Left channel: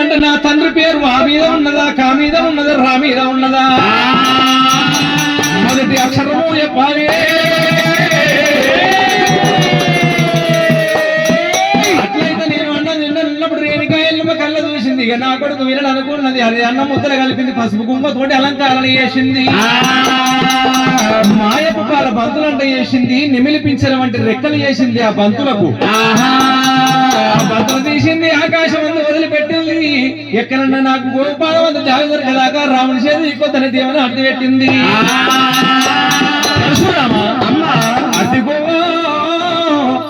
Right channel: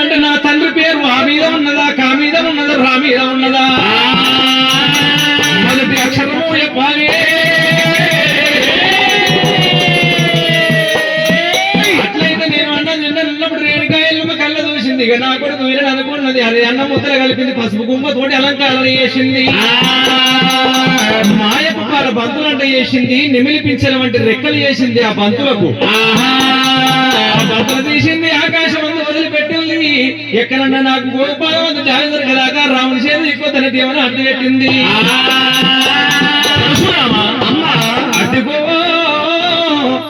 అంటే నా తండ్రి పేరు ఆ మీద ఉన్నదా, కా మీద ఉన్నదా, రా మీద ఉన్నదా? మొదటి అక్షరము చెప్పాలి. అట్లయితే నేను అన్నం తిన్నప్పుడు రేణుకాయలు కళ్ళ చూసింది. ఇక నా కొడుకు వినడు అనుకున్నది. అది అన్నం ముద్దలు కలిపింది, పసుపు గుమ్మ తోటి అలంకారాలు చేసింది. మాయపు పాల బంతులు అంటే చేసింది, నిమిలిపించడం అంటే రెక్కలు చేసింది. ఆ బంతులకు బంతులు తీసింది, ఆకాశం అంతా వదిలిపెట్టింది. ఎక్కడన్నా నాకు గోపాలవంత జాగ్రత్త కదాకా రాముని చేతి ఎక్కువతని దేవని అడ్డు పెట్టింది. అడ్డుకో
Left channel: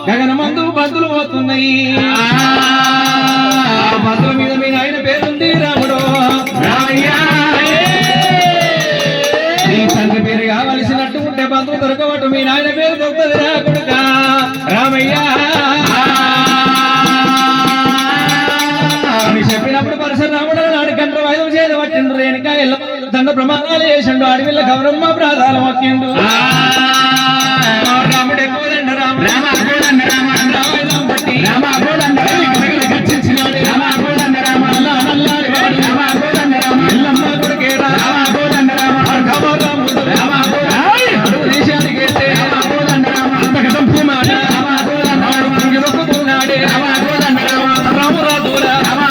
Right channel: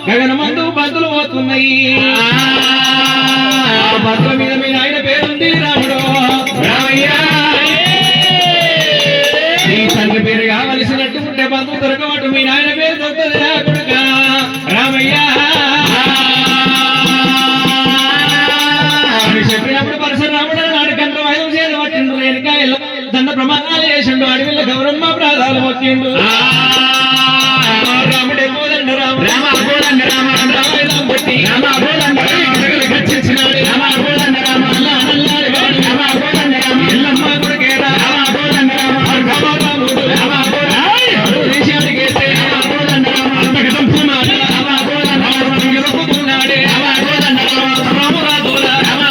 గగనమందు బంతులు పోతున్నాయి. బంతుల మీద మీ ఆయన పేరుంది రాముడు రామయ్య. నీ తండ్రి పేరు కావలసినట్టు ఉంటే బంతులు దొరకబట్టు మీ నాయన పేరు దొరుకుతుంది రా కొడుక రామయ్య అని చెప్పినప్పుడు పరశురాముడు నాడు కండ్ర వాయిదం చేయడం పట్టిండు. రేణుకాయలు దండ ప్రమాణాలు చేసిండు. అడవిలో గౌరమ్మ ప్రాధాలు మొక్కిండు. రాముడే కోదండ రామ రామ కోదండ రామ రామాయుధం బట్టి రామ కోదండ గర్జించినాడు. రామ కోదండ రామ నల్లారి రామ కోదండ రామ ఎల్లమ్మ కొడుకే రామ కోదండ రామ రాముడు రామ కోదండ దేశానికి రామ కోదండ రామ అంతగతం పూమాడ రామ కోదండ రాముడున్నాడే రామ కోదండ రామ రామురాజుల రామ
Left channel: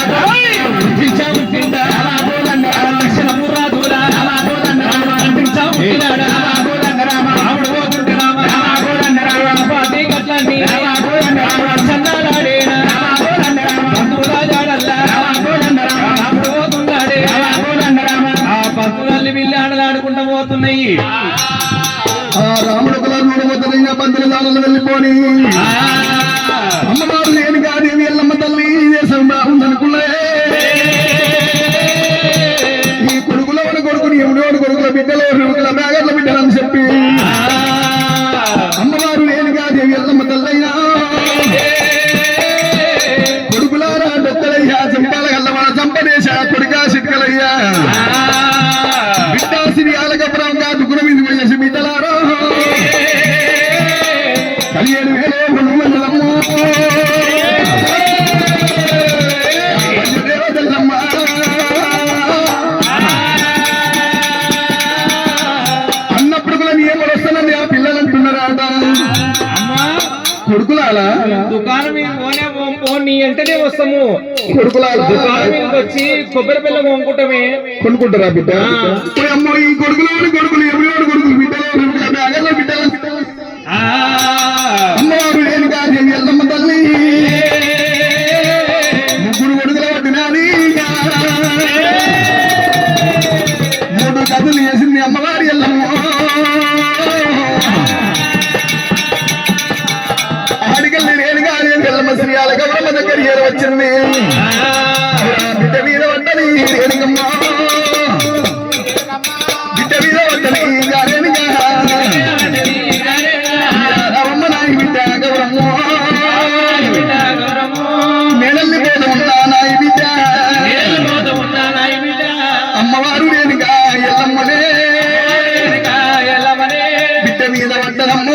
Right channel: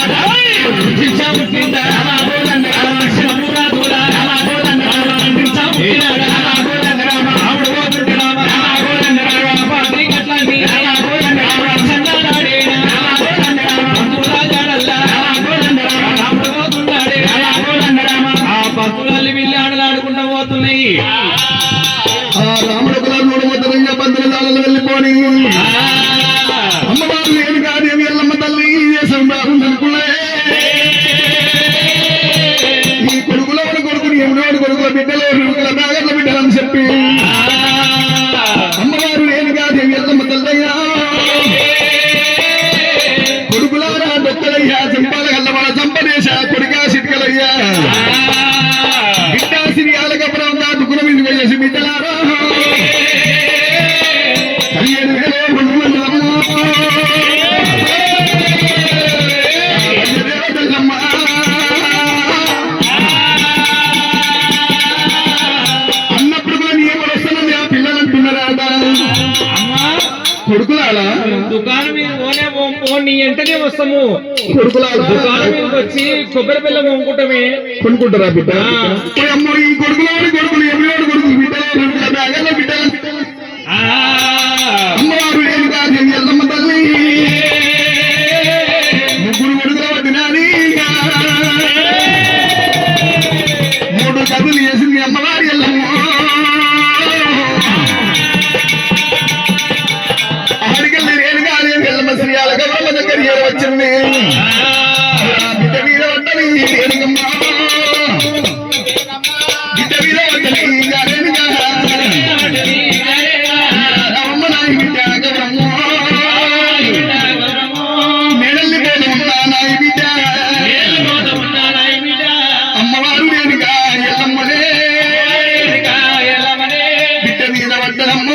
జించాముట్టింద రామ కోదండ రామ లక్ష్మణమురాజుల రామ కోదండ రామ జించాముట్టినాడ రామ కోదండ రామ రాముడు పోతుంటే రామ రామ కోదండ రామ పాటి గట్లండి రామ కోదండ రామ చందాడాడేనా రామ కోదండ రామ బంధురాజాడల్లా రామ కోదండ రామ రాముడు పోతున్నాడే రామ కోదండ రామ ఆ భక్తులల్లి వీళ్ళు ఆడలాడుకుంటూ పోతున్నాయి. ఆ రాముడు కులాలు మొదలైన బంధువుల దాడులు వెళ్ళిపోని అమ్మవారు లేని కాదేవి ఎల్లమ్మ తల్లి అనుకున్నాయి. ఈ కొడుకుల మన కొడుకుని ఎవడోడు కొడుకుల బిడ్డలు కొడుకుల మేఘర్ల బిడ్డలని చెప్పి అమ్మవారు లేని కాదేవి ఎల్లమ్మ తల్లయ్యా కొడుకులారా డొక్కలయ్యా చంపాల గల్లవాడ చంపదేశ కొడుకా సిట్కలయ్యా బిడ్డ సిరియాల గబరం కాదు గుణ మీద పోయేసి బిడ్డలారా 17,000 అన్నప్పుడు కూడా నీ ఏమో వస్తానని ఆ పిల్లలు అంటున్నారా కొడుకులాలా దుకాణం నీ ఎంటనే వస్తాము. కొడుకులాలా దుకాణం మీదకి వచ్చి కొబ్బరి పిల్ల కొనుక్కుంటామే కొనుక్కుంటారా బిడ్డ అమ్మో ఈ కొడుకులు కొడుకులు ఎవరి కొడుకులు బిడ్డలు బిడ్డలు అమ్మవారు లేని కాదు ఎల్లమ్మ తల్లి ముగ్గురు కొడుకుల పట్టినాని 3 కథలు చేసింది అమ్మవారి ఎల్లమ్మ. ఆడికెళ్ళి లేని కాదు ఎల్లమ్మ శ్రీయాల గౌరమ్మ దగ్గర వచ్చింది. బిడ్డ మీద పట్టని రేణుకమ్మ బిడ్డ మీద పట్టని రేణుగా రామమ్మ నాయి బిడ్డ గౌరమ్మ నేనల్లి పోత ఉంటా నాయి బిడ్డ అమ్మవారు రేణుగా ఎల్లమ్మనే బిడ్డ మీద పట్టదమ్మ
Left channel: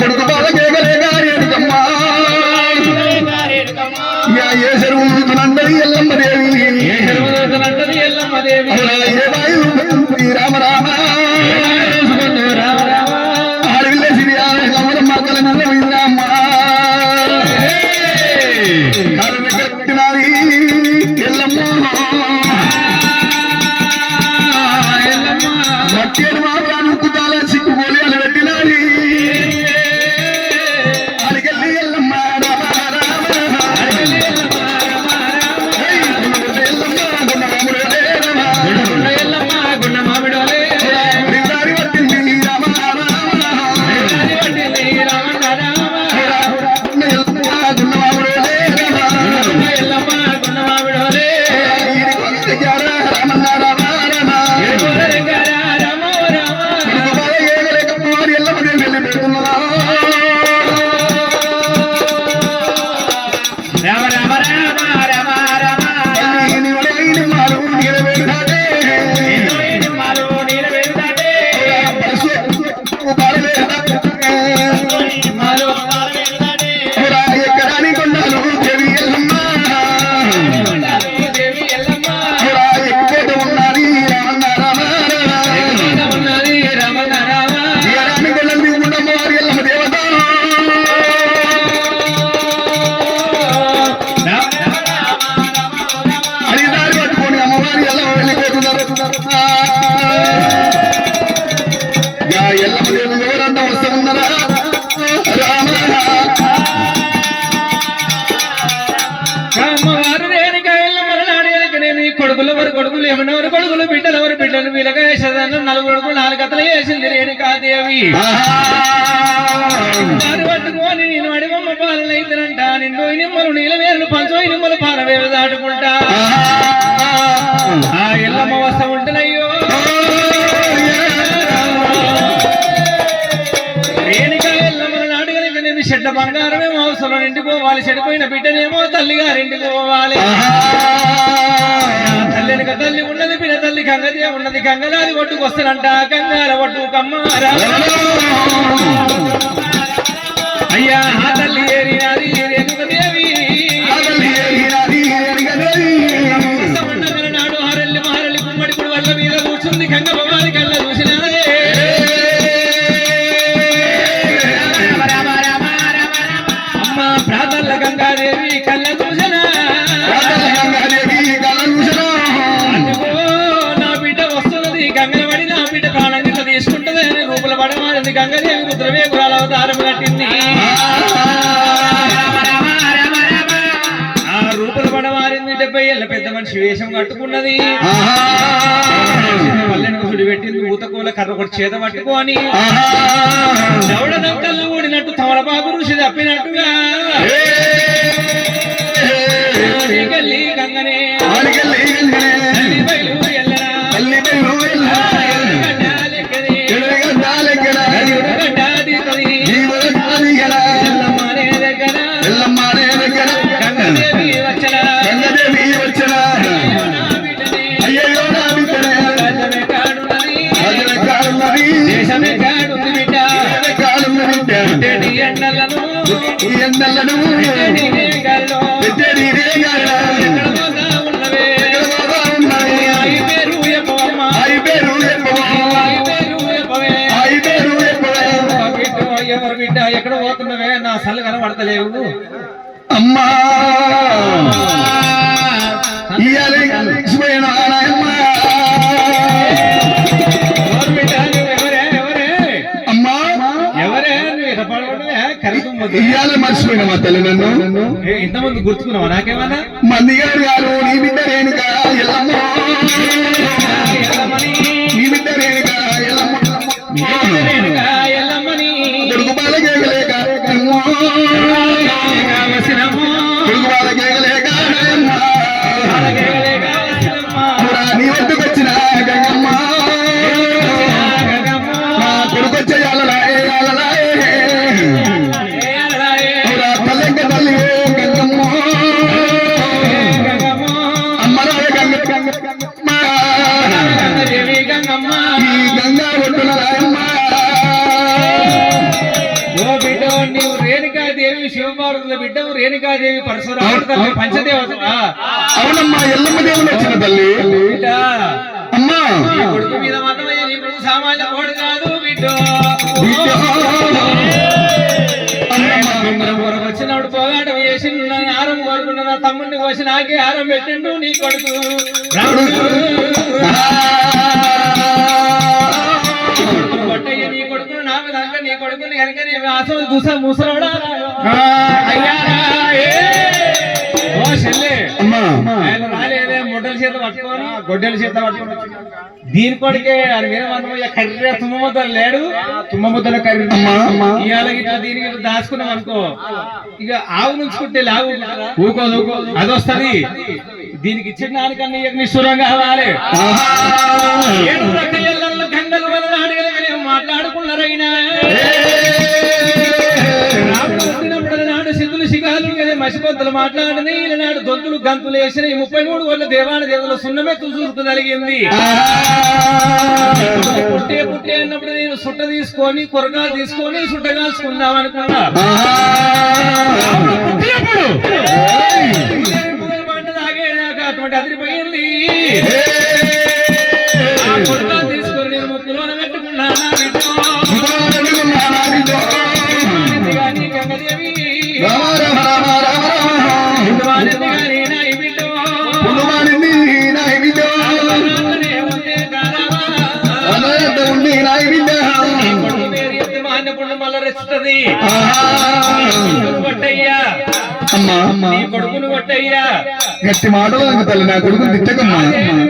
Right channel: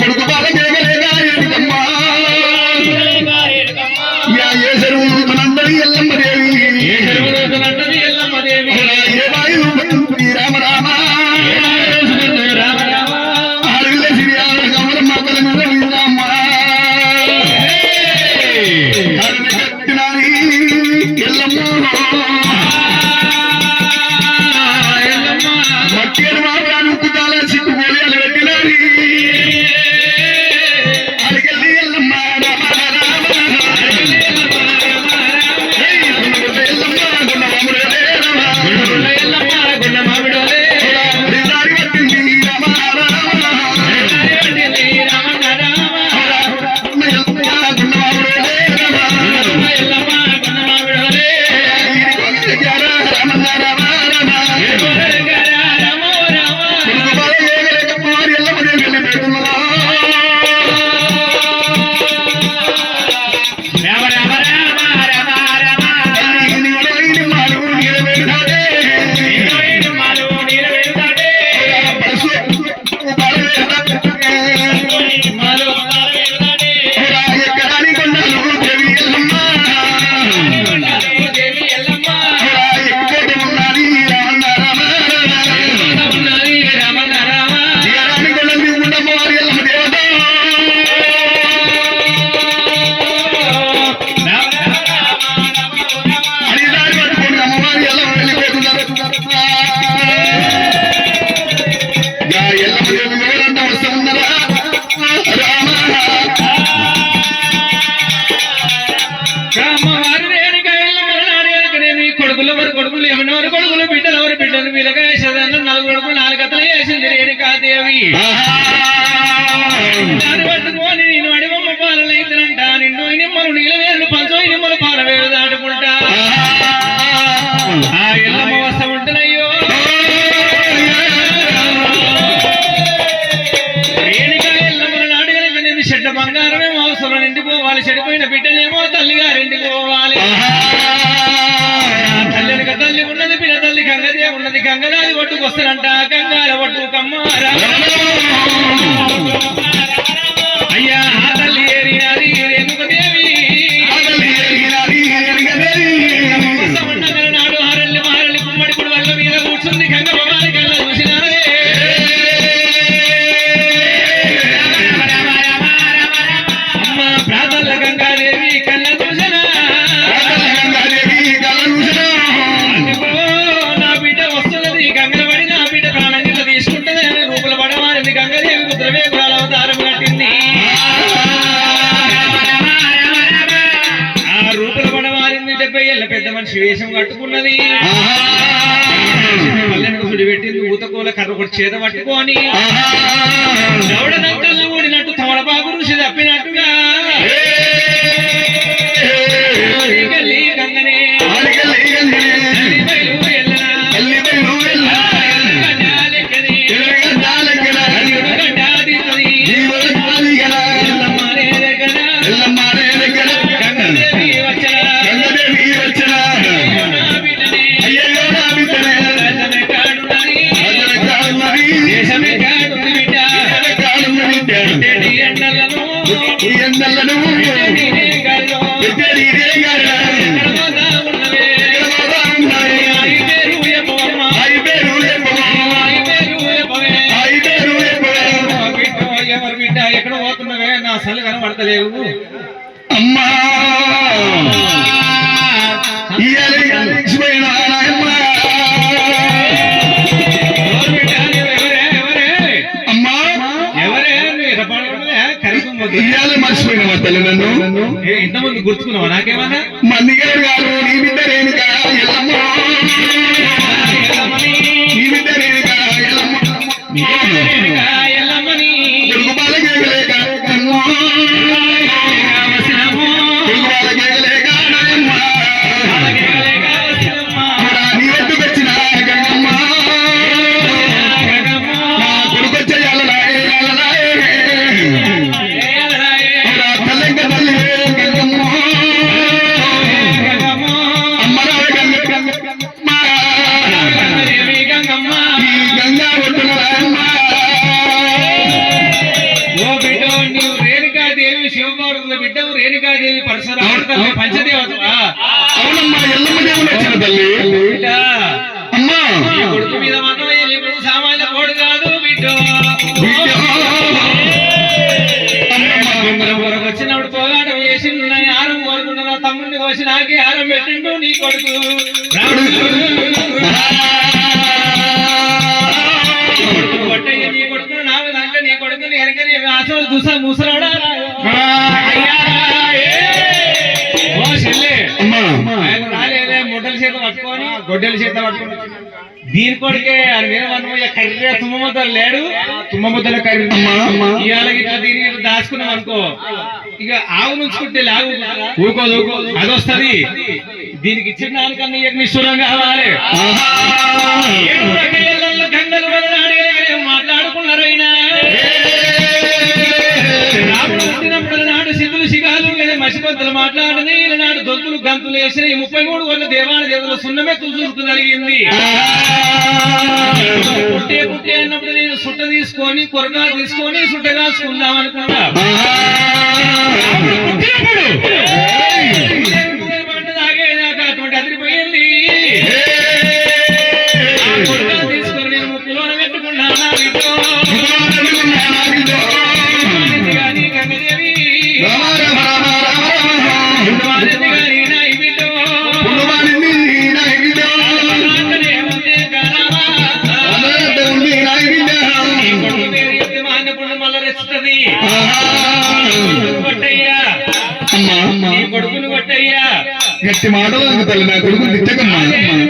కొడుకు బాల కేగలేగా రేణుకమ్మ ఏ చెరువు మనందరి ఎల్లమ్మ దేవి ఏ వాయు రామ రామ ఆడవిల్ల సిరియాల గమనం మాటల మీద రామ్మ కట్టినారి ఎల్లమ్మ మట్టేడు మాట్లాడు ఉక్కుతాల సిక్కుపోలి అని పెట్టినారి అడిగల్లి ఎల్లమ్మ రామ కొడుకులు ఎవరెవరు కొడుకులు బిడ్డలు ఎవరు బిడ్డలు వీళ్ళగా వేసేదన్న 4 కొడుకులు 4 కథలు వేసింది రేణుకాదేవి దాన్ని పట్టుకొని నేను అడిగమ్మ పాలన ఇద్దరంట నిండు నిమ్మలు నీళ్ళ వేలు పంచో నిమ్మలు పాల వేలు దాటుకుంటా ఆ ఎల్లమ్మ వస్త ఉంటున్నాయ్యో రేణుక ఎల్లమ్మల నాటుగా చెడ్డ బంగారమేమో అవసరం నిండిపోవాలి చెడిపోయిన బిడ్డనేమో తల్లిగారింటికి పోవాలి తల్లినక తల్లి ఉన్నది పిల్ల తల్లి గంగదే ఉన్నది గంగనాది ఒట్టుకొస్తారంట గంగాల ఒట్టు కమ్మారా అయ్యా ఆ తల్లి ఏరినాది రేణుకదేవి నాడు హరల్లి మారల్లి కుమ్మడి పుడు వల్ల మీద కూర్చుంది గంగ భవాని కళ్ళ చూసినారే అమ్మ ప్రాతల్ల గంగాదేవి కళ్ళ చూసినా నా బిడ్డ వస్తున్నది గంగల పడి నా బిడ్డ ప్రాణం గిట్ల తీసుకుంటది అని రూపుల పడమారింది గంగదేవి రుద్రవేగురాల అవతారం కట్టింది ఆ రూపుల పడమారింది 70 ఏళ్ళ పెద్ద మనిషి వేషం కట్టుకున్నది పల్లెనకు సుడి పెట్టింది ఊతకోల కర్ర ఒకటి చేత పట్టుకొని దౌడదంకల్లో ఊడినట్టు తమలపాకు ఋషి తప్పినట్టుగా గంగనే ఎండలను ఎవరు బిడ్డ ఎక్కడ పోతున్నవే నా అసలు కనబడతలేవు అమ్మా మర్చిపోయినా తల్లి నన్ను ఇంతమంది గుర్తుకున్నావా నాకేమన్నా మంది గారు గారు నీ బిడ్డ రేణుక ఎల్లమ్మ నీ బిడ్డ రేణుక ఎల్లమ్మని కొడుకు బాల కేకలేక కొడుకు బాల కేకలేక నీ వద్దకు వచ్చిన గంగమ్మ నా కొడుకు వచ్చే అలలాయే గంగా ఒడ్డున ఓ బిడ్డ నీవు రేణుకాదేవి శివపార్వతుల బిడ్డవు రేణుకాదేవి పరశురాముడు తల్లి పంచదేవత అవునమ్మా ఎల్లమ్మ దేవుడు వచ్చిన తల్లి బిడ్డ అమ్మా నీ కొడుకు మీద మన్నమయ్య నీ కొడుకు సామాన్య కోడు కాదు బిడ్డ వరకు వచ్చినప్పుడు పోగాటం చేసి ఆరం కోరుకున్న తమ్ముడిని కోసి నాకే ఆరం పెట్టిండు నీ కొడుకు కొట్టయ్య నీ కొడుకును నాకు దాంట్లో నీ కొడుకుని కనుక నీ ఆశలు చూసా ముసలోడా అయ్యా ఓ చెల్లె ఆయన రాలేదే ముడ్డల చేత పట్టుకొని గొడ్డల చేత పట్టుకొని దీని కొడుకే అని వినమన్నమయ్య కర్రీ తుమ్మముద్దలు లేడు తుమ్మముద్దల కర్రీ ఇవాళ ఇట్లా దీనికి ఇట్లా దాచుకున్నాం అనుకో ఇక ఆవు నుంచుకుంటే లాగు ఊకోదు అది వస్తుంది దీనికి ఇచ్చిన దానికన్నా నిష్ఠూరం కావాలి గంగలు మాట్లాడుకున్నారైనా రాముడు వచ్చినప్పుడు నాడు సిద్ధులు శిఖాలు మసిపంతులు మాట్లాడిని నాడు దొంతులు గంతులు వేసిన 33 కోట్ల దేవాని దేవతలు సున్నమెత్తు చూరుకు జరిగింది పుట్టే అన్నప్పుడు నేను సుట్ట తీసుకొని కొరగా తీసుకొని సుట్ట కాసుకుందాం అనుకున్నా పంట తాగేదాకా అటువంటి అదిరిపోయింది కొరగా తీసుకొని నేను ముక్కులోన పెట్టుకున్నానా గంగదేవి మళ్ళా రెచ్చుతుంది అమ్మా నీ కొడుకును కొట్టయ్యా. గట్టి మాటలు నాకు తల్లి నా కొడుకుని తిట్టకమ్మా.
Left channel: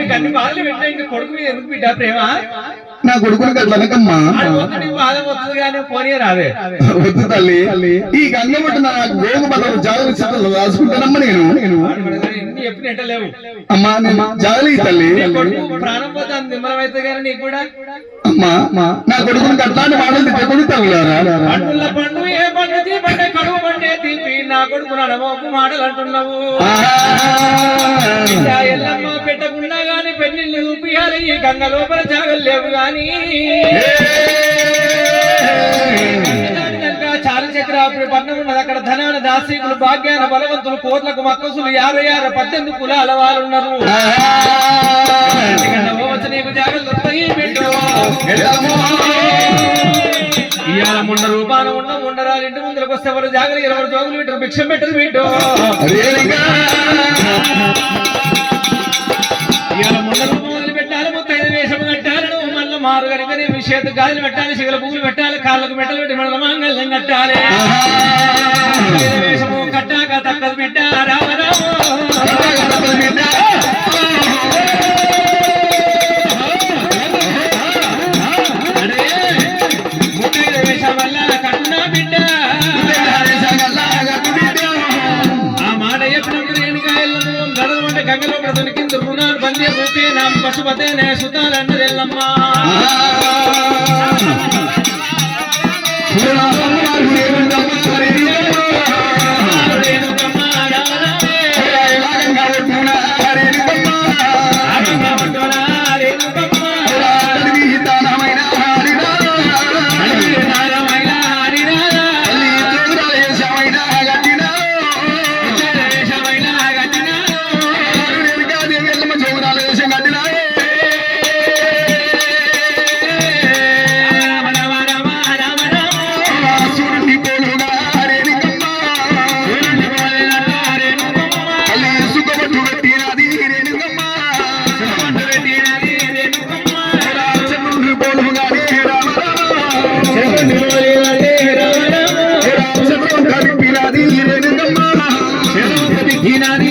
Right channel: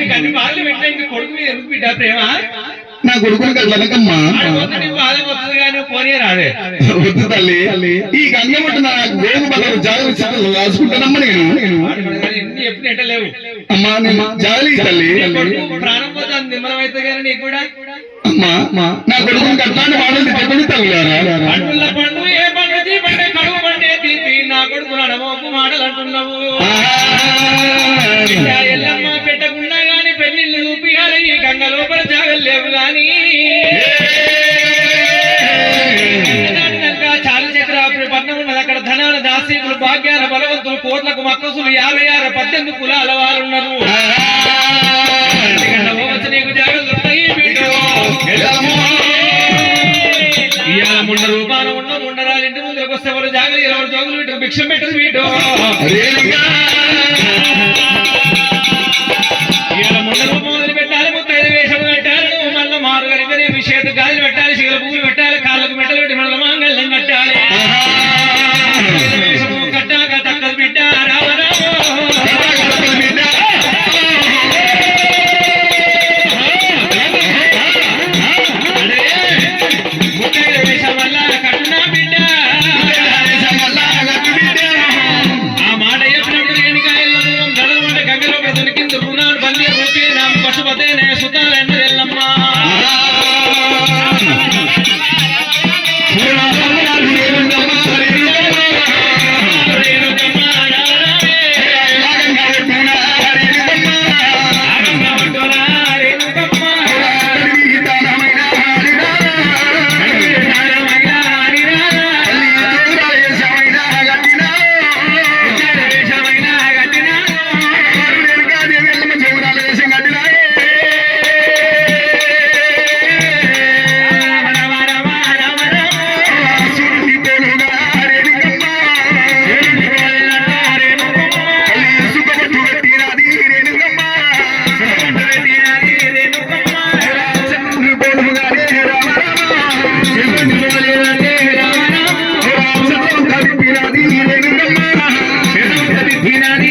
నీకు అన్ని బాధలు పెట్టా, ఇంక కొడుకు మీద ఎందుకు బిడ్డ ప్రేమ? నా కొడుకుని కట్లనకమ్మా. బాధ వస్తుంది కానీ పోనీ రాదే. వద్దు తల్లి, ఈ గంగమ్మట నాకు వేగు బలం జాగ్రత్త రాసుకుంటానమ్మా. నేను ఎప్పుడు ఎంటలేవు అమ్మా. నేను జాగ్రత్త తల్లి. ప్రాణం పోతే నిమ్మలమైతే కానీ నీకు కూడా. అమ్మా నా కొడుకుని అట్లాంటి మాటలు తిట్టకూడదు తల్లులారా. పండుల పండు ఏ పండు తీపంటే కడుగు పండే తీపి నా కొడుకు నడమోకు మాటలు అంటున్నావు. ఎల్లమ్మ పెట్టకుండా గాని పెళ్లిళ్ళు చూపియాలి, ఈ గంగ లోపల జాగలేవు గాని. చాలు చక్రాపురి పట్నం ఉన్నది, అక్కడ ధనాన దాసీకులు భాగ్యాన బలవంతులు కోట్లకు మక్కసులు 56 18 కులాల వారు ఉన్నారు. నీకు జాగ్రత్త ఇవాళ ముండ రూపాన ఉండరాలు ఇంటి ముందుకు వస్తే వాళ్ళు జాగలు 20 జోగులు పెట్టరు, భిక్షం పెట్టరు వీటు. ఇవాళ ముండ రూపం మొదలు పెట్టాలి, 35 వేషము పెట్టాలి, మళ్ళీ మారు కనుక చేతు గాజులు పెట్టాలి, శిగల పువ్వులు పెట్టాలి, కాళ్ళకు మెట్టలు పెట్టి మన మాంగళ్యం కట్టాలి. వేషము కట్టాక తక్కదు బిడ్డ రామరామ. పశుపతేనే సుతాలంటే ఎల్లమ్మా. Hina